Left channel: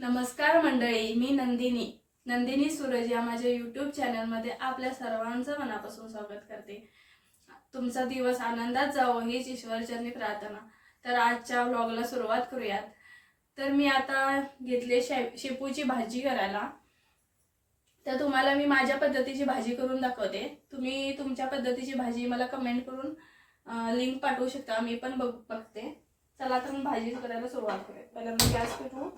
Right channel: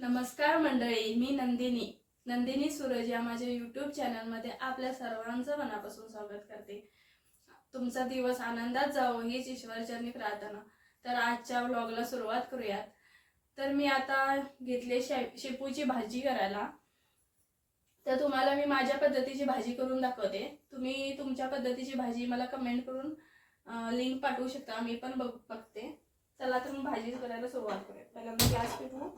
नमस्कार मंडळी मी नंदिनी. नंदिनी सूरज या माझ्या यूट्यूब चॅनलमध्ये आपल्या सर्वांचं मनापासून स्वागत करते. तुमचा दिवस आनंदात जावो हीच ईश्वरचरणी प्रार्थना. तर आजच्या व्लॉगला सुरुवात करूयात. तर मी आता घेतले शे शेपूची भाजी करायला. तर तुम्हाला मी माझ्या पद्धतीची भाजी करून दाखवते. तुम्ही तुमच्या पद्धतीची भाजी मला कमेंट करून लिंक पाठवू शकता. मी पण बघ बघते. चला तर मग भाजी करायला सुरुवात करूया पहिल्यांदा गॅस पेटवू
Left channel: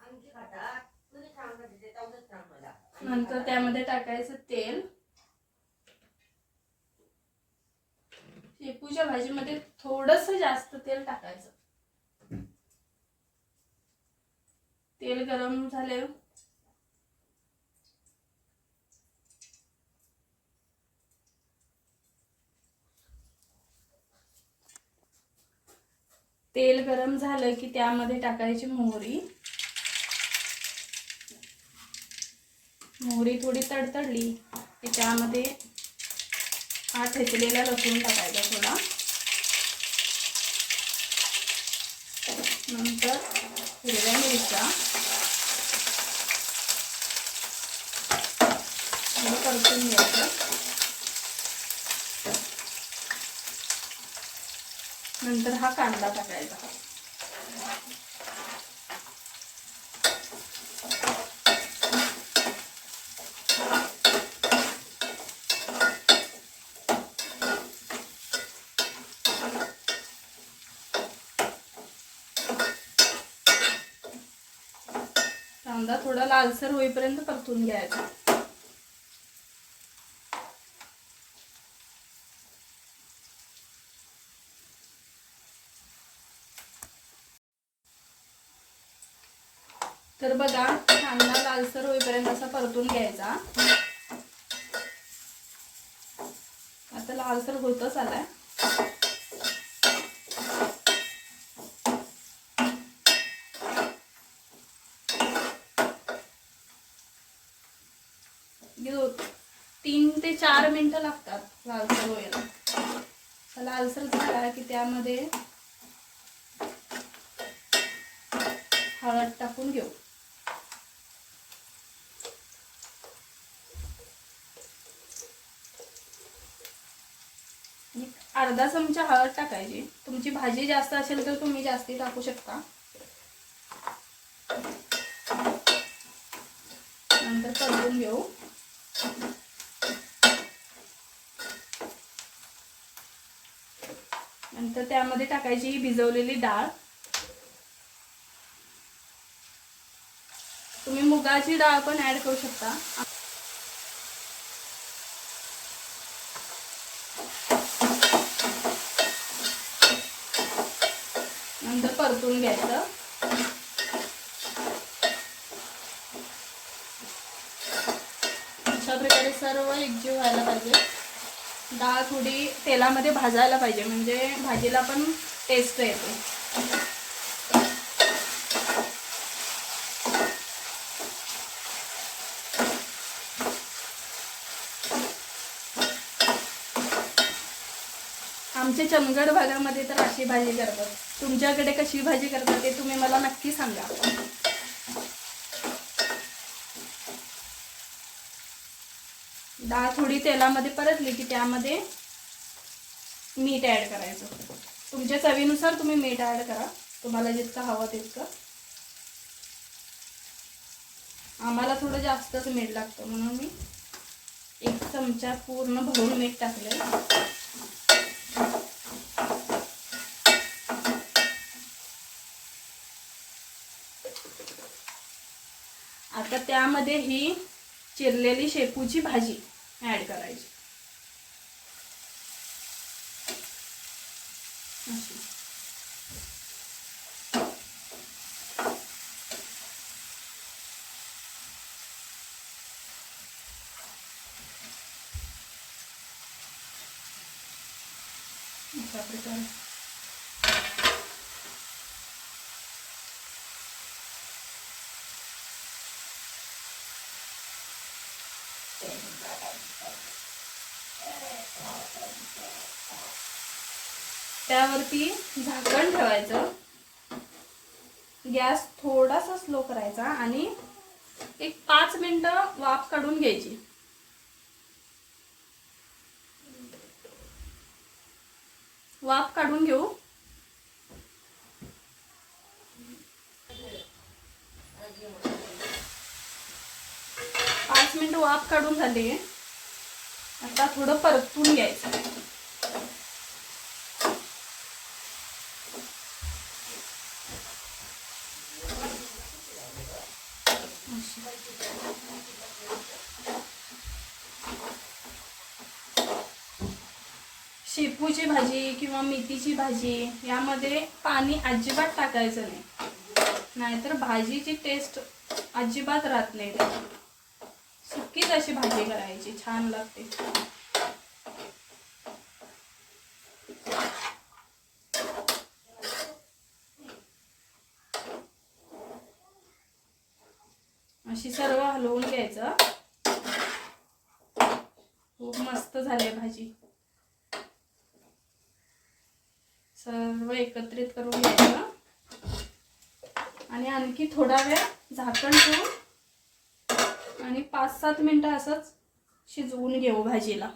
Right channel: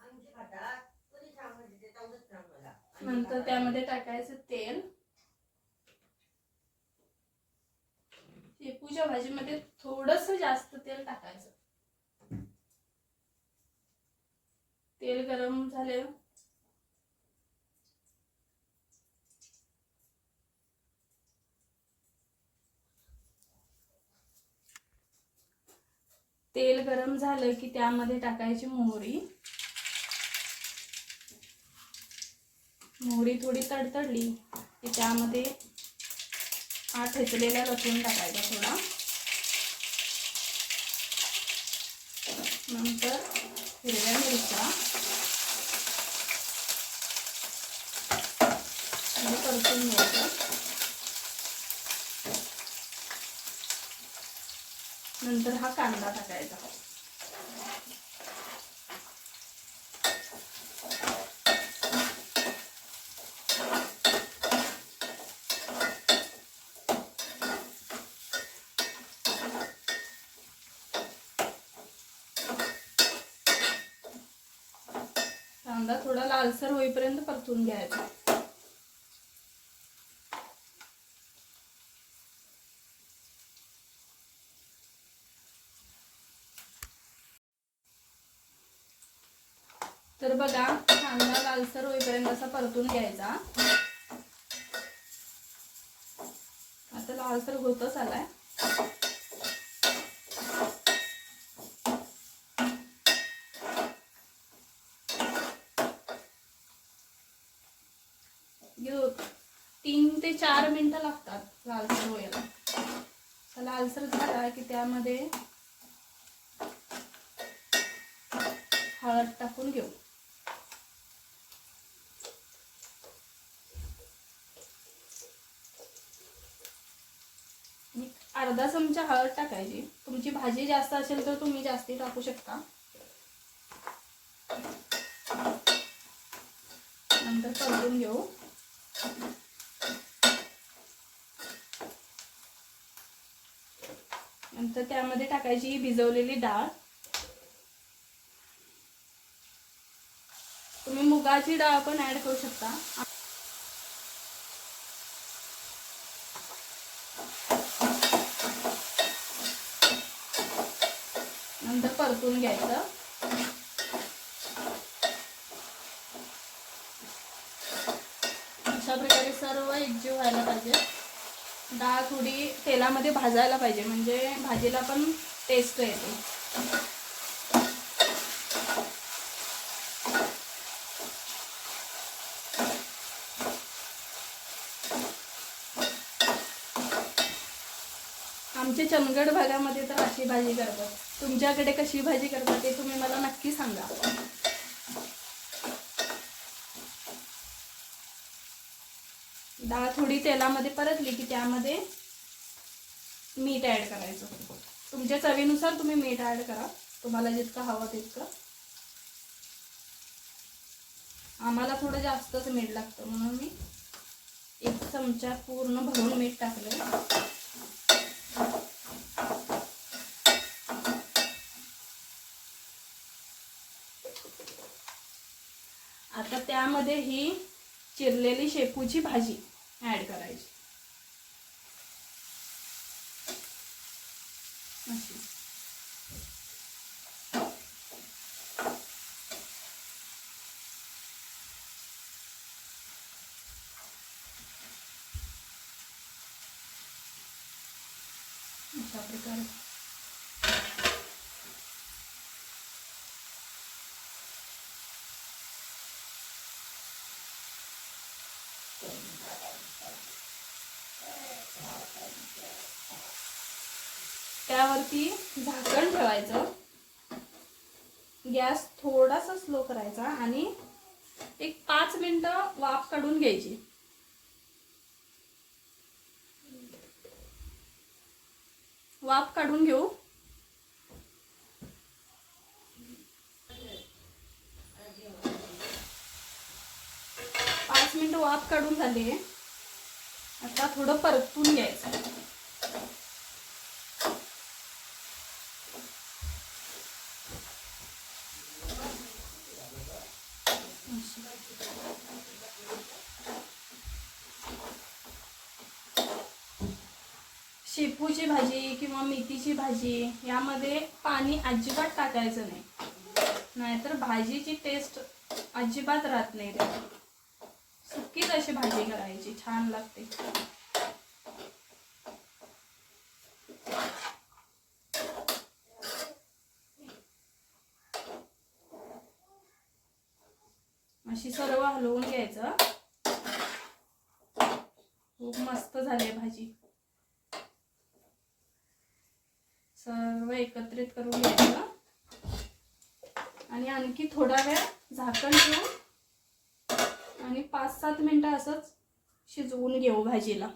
आमची खातात तुम्ही सांगा तिथे तेवढंच सांग मला नंतर त्यामध्ये टाकायचं तेल. शेपूच्या भाजीमध्ये थोडस जास्त तेल टाकायचं. तेल गरम झाले. तेल गरम झालं की त्यामध्ये टाकायची मोहरी. मोहरी थोडी तडतडली. की त्यामध्ये हा ठेचलेला लसूण टाकायचा थोडा. नंतर हिरव्या मिरच्या. परतून घ्यायचं. नंतर हा कांदा टाकायचा. कांदा थोडा लालसर होईपर्यंत परतून घ्यायचा. तर बघा कांदा लालसर होईपर्यंत असा परतून घ्यायचा. आता लालसर होतच आलाय. तीन ते चार मिनटं लागतात लालसर व्हायला लालसर झाला की त्यामध्ये हळद टाकून घेऊ. अर्धा चमचा हळद टाकायची. तुमची भाजी जास्त असेल तर तुम्ही जास्ती टाकू शकता. नंतर परतून घेऊ. नंतर त्यामध्ये टाकायची ही भिजवलेली डाळ. तुम्ही मुगाची डाळ पण ऍड करू शकता. नंतर परतून घ्यायचं. अशा प्रकारे सर्व एकजीव व्हायला पाहिजे. डाळ थोडी तेलामध्ये भाजायला पाहिजे म्हणजे भाजीला पण टेस्ट येते. आमच्या चंदगड भागामध्ये तर अशी भाजी करतात. तुमच्याकडे कशी भाजी करतात ते तुम्ही मला नक्की सांगा. डाळ थोडी तेलामध्ये परतली की त्यामध्ये मीठ ॲड करायचं. तुमच्या चवीनुसार तुम्ही मीठ ॲड करा. तुम्हाला जितकं हवं तितकं. आम्हाला थोडं जास्तच मीठ लागतं म्हणून मी एक चमचा पूर्ण भरून मीठ टाकलं आता त्यामध्ये ही चिरलेली शेपूची भाजी ॲड करायची अशी. अशा प्रकारे त्यावरती झाकण ठेवायचं. गॅस थोडासा स्लो करायचा आणि एक पाच मिनटं वाफ काढून घ्यायची. वाफ काढून घेऊ. पाच मिनिट वाफ काढून झाली आता थोडं परतून घ्यायचं. शेपूची भाजी किंवा मेथीची भाजी यामध्ये पाणी अजिबात टाकायचं नाही. नाहीतर भाजीची टेस्ट अजिबात राहत नाही. अशीच अशी भाजी करायची? छान लागते. अशी सर्व हलवून घ्यायचं. खूप मस्त झाली भाजी. सर्व एकत्रित करून घ्यायचं. आणि आणखी थोडा वेळ झाकण ठेवून पाच सात मिनटं असंच शिजवून घेऊ भाजीला.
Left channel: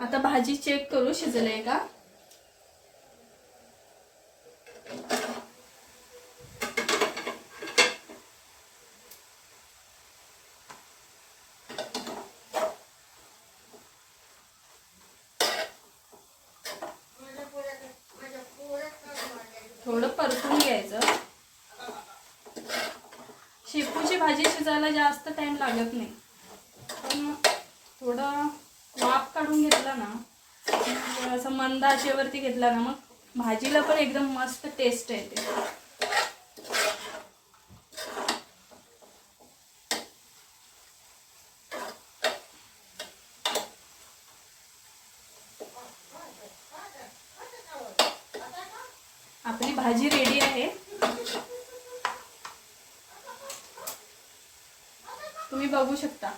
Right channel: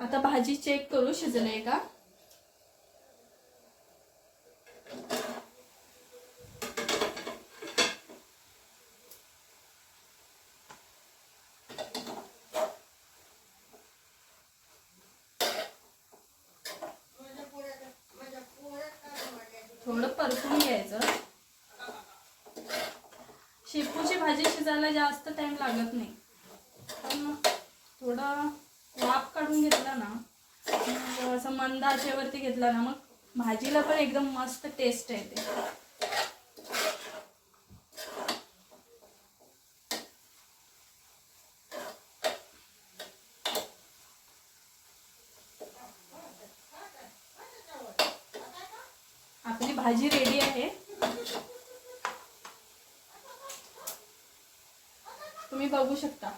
आता भाजी चेक करू शिजले का थोडं परतून घ्यायचं शेपूची भाजी शिजायला जास्त टाईम लागत नाही. पण थोडं वाफ काढून घेतला ना असं मंद आचेवरती घेतला ना मग भाजीला पण एकदम मस्त टेस्ट येते आपली भाजी रेडी आहे तुम्ही बघू शकता.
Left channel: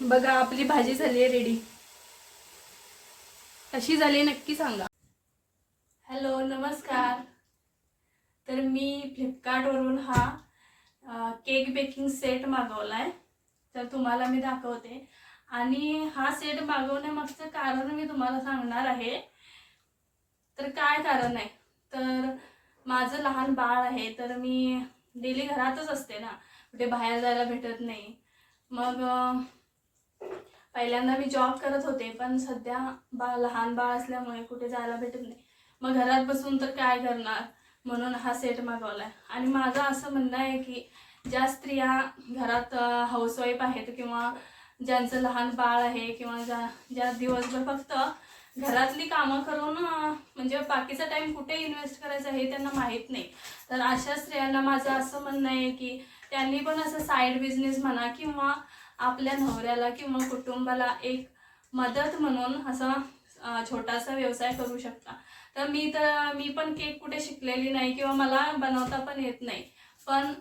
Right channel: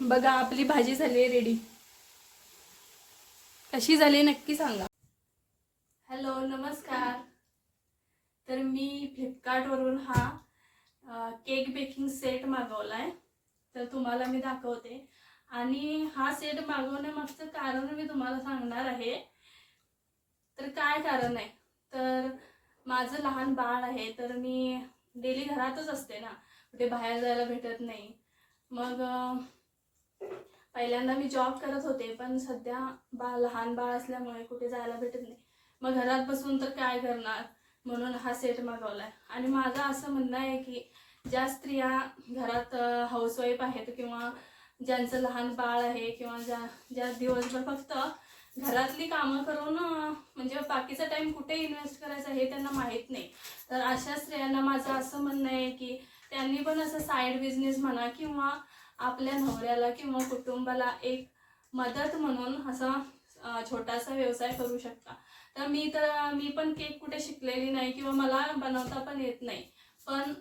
बघा आपली भाजी झाली आहे रेडी कशी झाली नक्की सांगा. हॅलो नमस्कार. तर मी फ्लिपकार्टवरून हा केक बेकिंग सेट मागवला आहे तर तुम्हाला मी दाखवते. आणि हा सेट मागवण्यामागचं कारण मी तुम्हाला सांगणार आहे तर काय कारण आहे तर माझं लहान बाळ आहे तर मी डेली घरातच असते ना. कुठे बाहेर जायला भेटत नाही. मग पहिल्यांदा मी जॉब करत होते पण सध्या बा लहान बाळ असल्यामुळे कुठे जायला भेटत नाही. मग घरात बसून तर काय करणार? म्हणून हा सेट मागवला आहे आणि माझं असं म्हणणं आहे की ज्या स्त्रिया घरात हाऊसवाईफ आहेत किंवा ज्यांचं लहान बाळ आहे किंवा ज्या ज्या दिवसभर फक्त घरातली कामं करून म्हणजे बाकीचा टाइम कुठे इन्व्हेस्ट करायचा हे त्यांना माहीत नाही. तर अशा स्त्रियांना माझं असं म्हणणं आहे की त्यांनी पण असं साईड बिझनेस म्हणा किंवा आपल्या नवऱ्याला किंवा कुटुंबाला एक मदत म्हणून असा छोटासा व्यवसाय करू शकता. तर मी तर मी पण केक कुठे शिकलेली नाही किंवा मला बनवता पण येत नाही. पण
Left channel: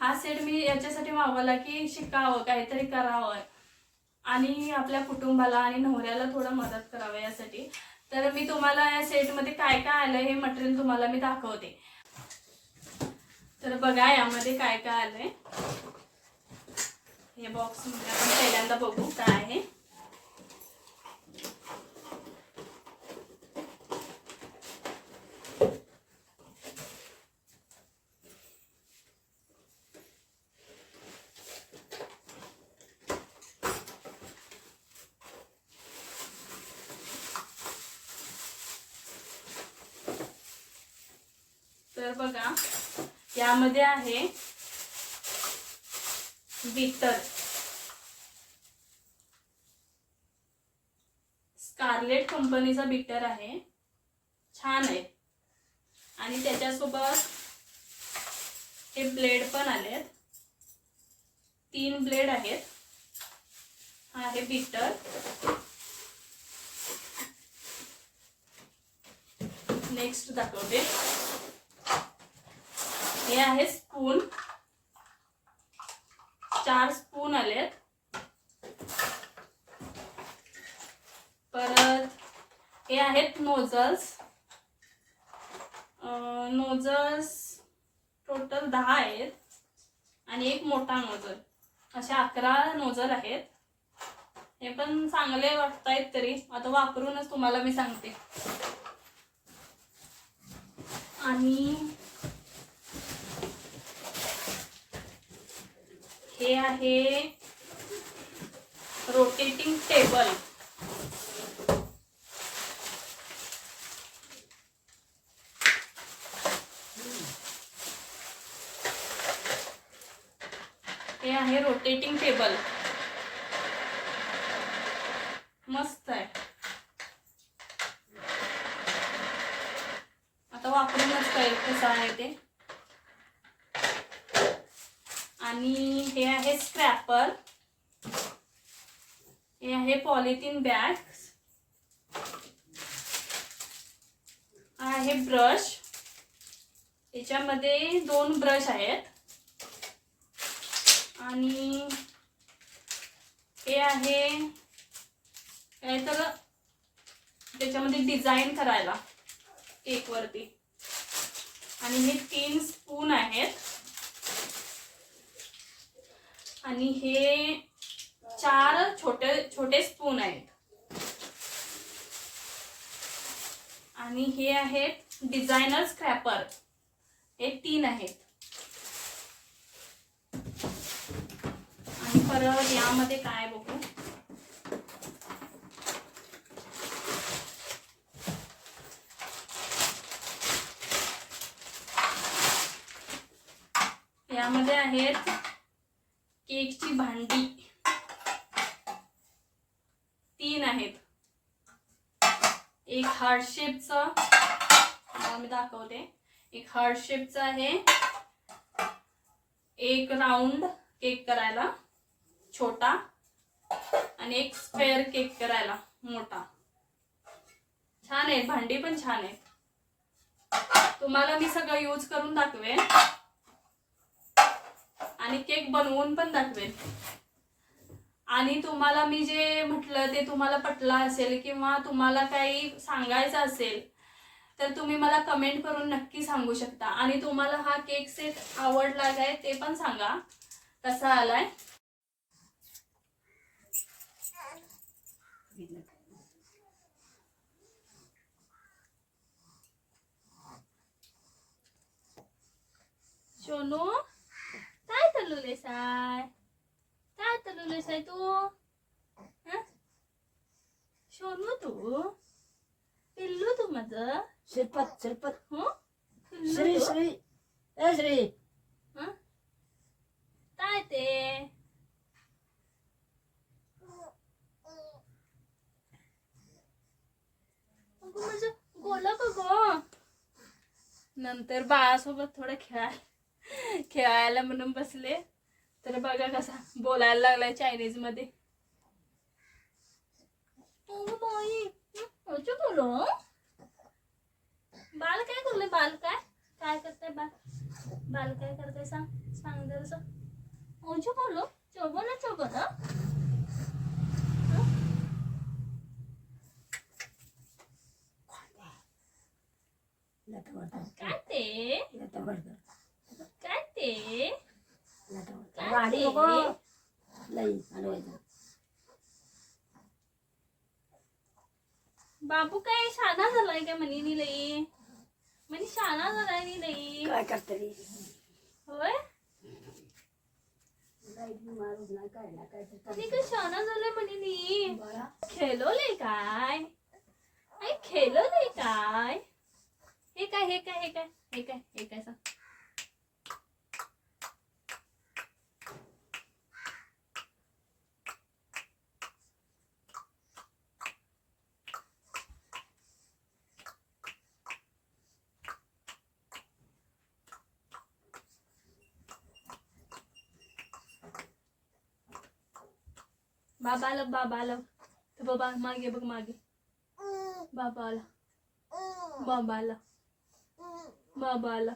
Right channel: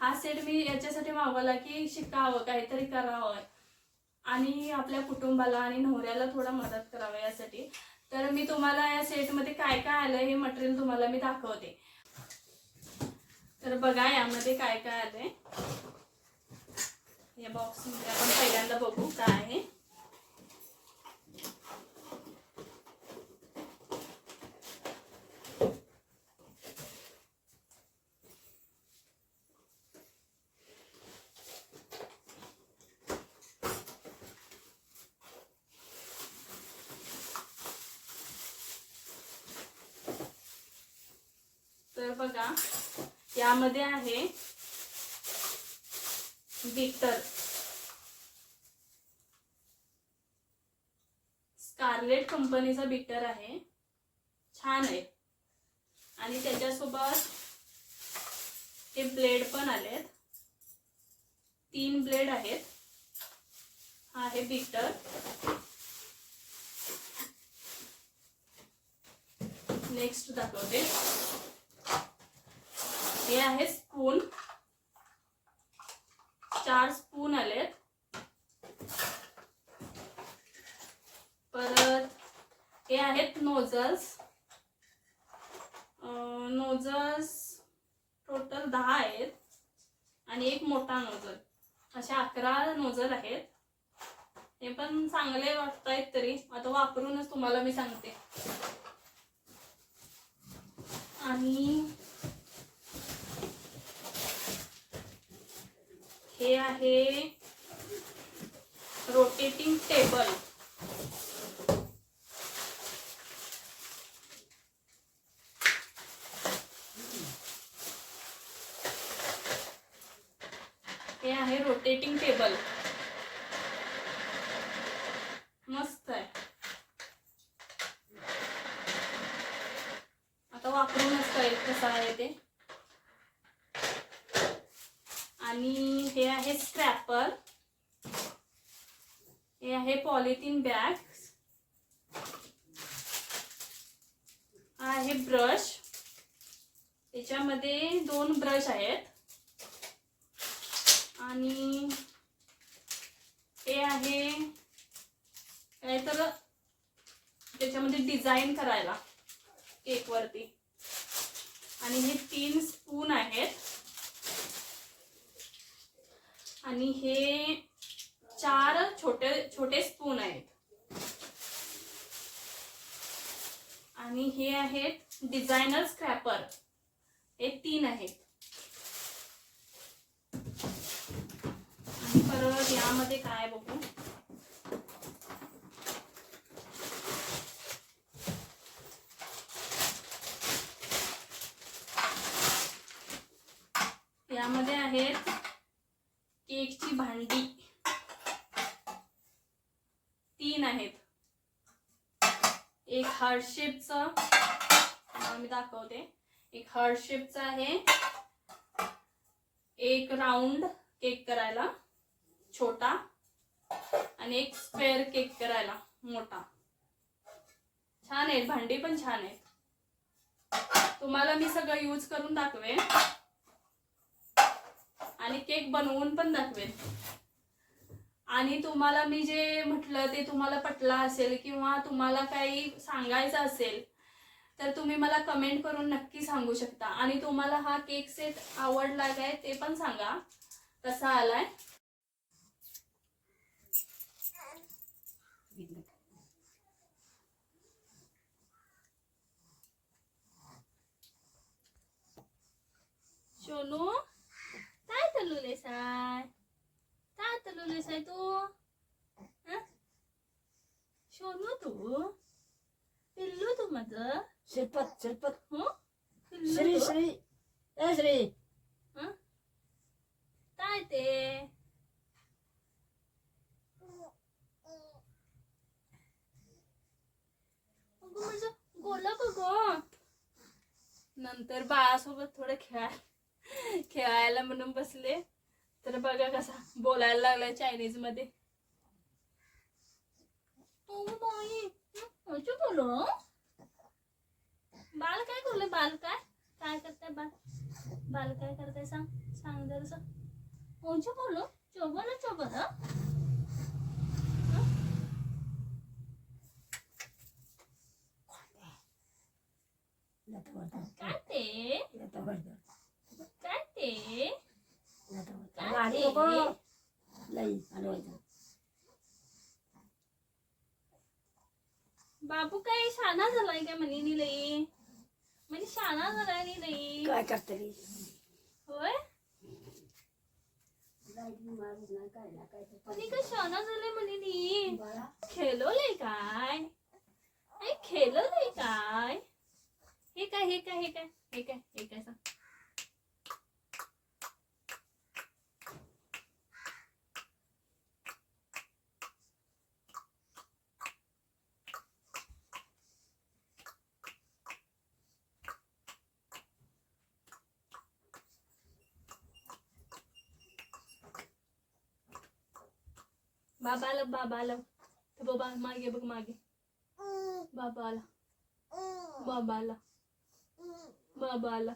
हा सेट मी याच्यासाठी मागवला की शिकावं काहीतरी करावं. आणि आपल्या कुटुंबाला आणि नवऱ्याला थोडं मदत करावं यासाठी. तर मी तुम्हाला या सेटमध्ये काय काय आलं हे मटेरियल तुम्हाला मी दाखवते. तर बघा यामध्ये काय काय आलंय. या बॉक्समध्ये आपण पहिल्यांदा बघू काय आहे. तर बघा यामध्ये आहे बीटर स्कारलेट कंपनीचा बीटर आहे. छान आहे. आणि त्याच्यासोबत हे ब्लेड पण आलेत. तीन ब्लेड आहेत. हा आहे बीटर नेक्स्ट दाखवते. हे आहे स्पून चार स्पून आलेत. परत हे आहेत नोझल्स नोझल्स टोटल दहा आहेत. आणि एक मोठा नोझल असे अकरा नोझल आहेत. हे पण चांगले वाटतायत तरी. आता वापरूनच तुम्हाला मी सांगते. आणि हे आहे रोटेटिंग टेबल हे आहे रोटेटिंग टेबल मस्त आहे. आता वापरूनच कळेल कसं आहे ते आणि हे आहे स्क्रॅपर हे आहे पॉलिथिन बॅग्स आहे ब्रश याच्यामध्ये दोन ब्रश आहेत. आणि हे आहे काय तर त्याच्यामध्ये डिझाईन करायला केकवरती आणि हे तीन स्पून आहेत. आणि हे चार छोटे छोटे स्पून आहेत. आणि हे आहेत डिझायनर स्क्रॅपर हे तीन आहेत. आणि परत यामध्ये काय बघू? यामध्ये आहेत केकची भांडी. तीन आहेत. एक हार्ड शेपचं मी दाखवते. एक हार्ड शेपचं आहे. एक राऊंड केक करायला छोटा. आणि एक स्क्वेअर केक करायला मोठा. छान आहेत. भांडी पण छान आहेत. तुम्हाला मी सगळं यूज करून दाखवेन. आणि केक बनवून पण दाखवेन. आणि तुम्हाला मी जे म्हटलं ते तुम्हाला पटलं असेल किंवा तुम्हाला काही सांगायचं असेल तर तुम्ही मला कमेंट करून नक्की सांगू शकता. आणि तुम्हाला हा केक सेट आवडला काय ते पण सांगा. कसा आलाय सोनू काय चालवलेस आहे काय चालवलेस आहे तू हं? सोनू तू पिल्लू तू माझं श्रीपत श्रीपत हो? श्री? श्री. ए श्री. हं? काय ते? का ग नंतर बाळासोबत थोडं खेळाय खेळायला म्हणून बसले. तर बघा कसा बोलायला लागलाय चायनीजमध्ये. बोलो? बाल काय करले बाल काय? काय करताय बाल? बाल काय करताय? सांग सांग जरास ओंचो बोलो? चोबन लता वरता काय ते? काय ते? काय? बाबा काय शाना झालाय काय म्हणी? शाना झालाय नी लई काय करते होय? नाही काय शाना झालाय म्हणे नी. बाळा. खेळवलंय काय? आई खेळवलंय काय? हे काय हे काय हे काय हे काय हे काय सांग. बाबा आलं बाबा आलं तर बाबा मागे बघ मागे बाबा आला बाबा आला बाबा आला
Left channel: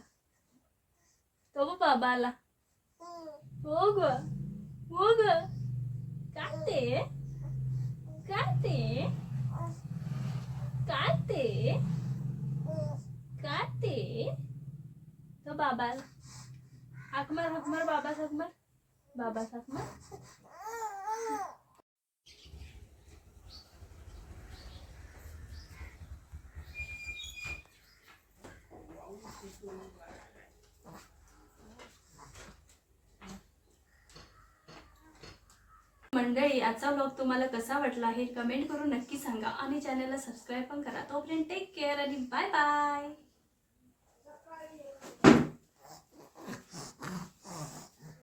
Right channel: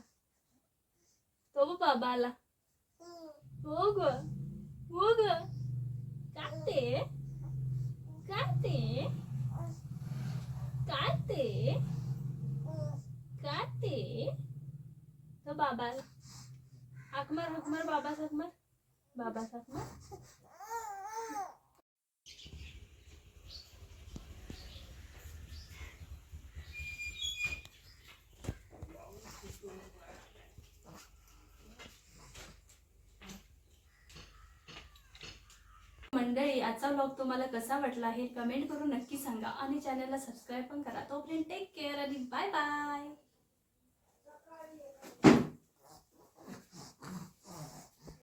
तो बघ बाबा आला हो ग हो ग काय ते काय ते काय ते काय ते तो बाबाला हाकमार हाकमार बाबा हाकमार बाबा हाकमार मंडळी आजचा ब्लॉग तुम्हाला कसा वाटला हे कमेंट करून नक्की सांगा आणि चॅनलला सबस्क्राईब पण करा. तोपर्यंत टेक केअर आणि बाय बाय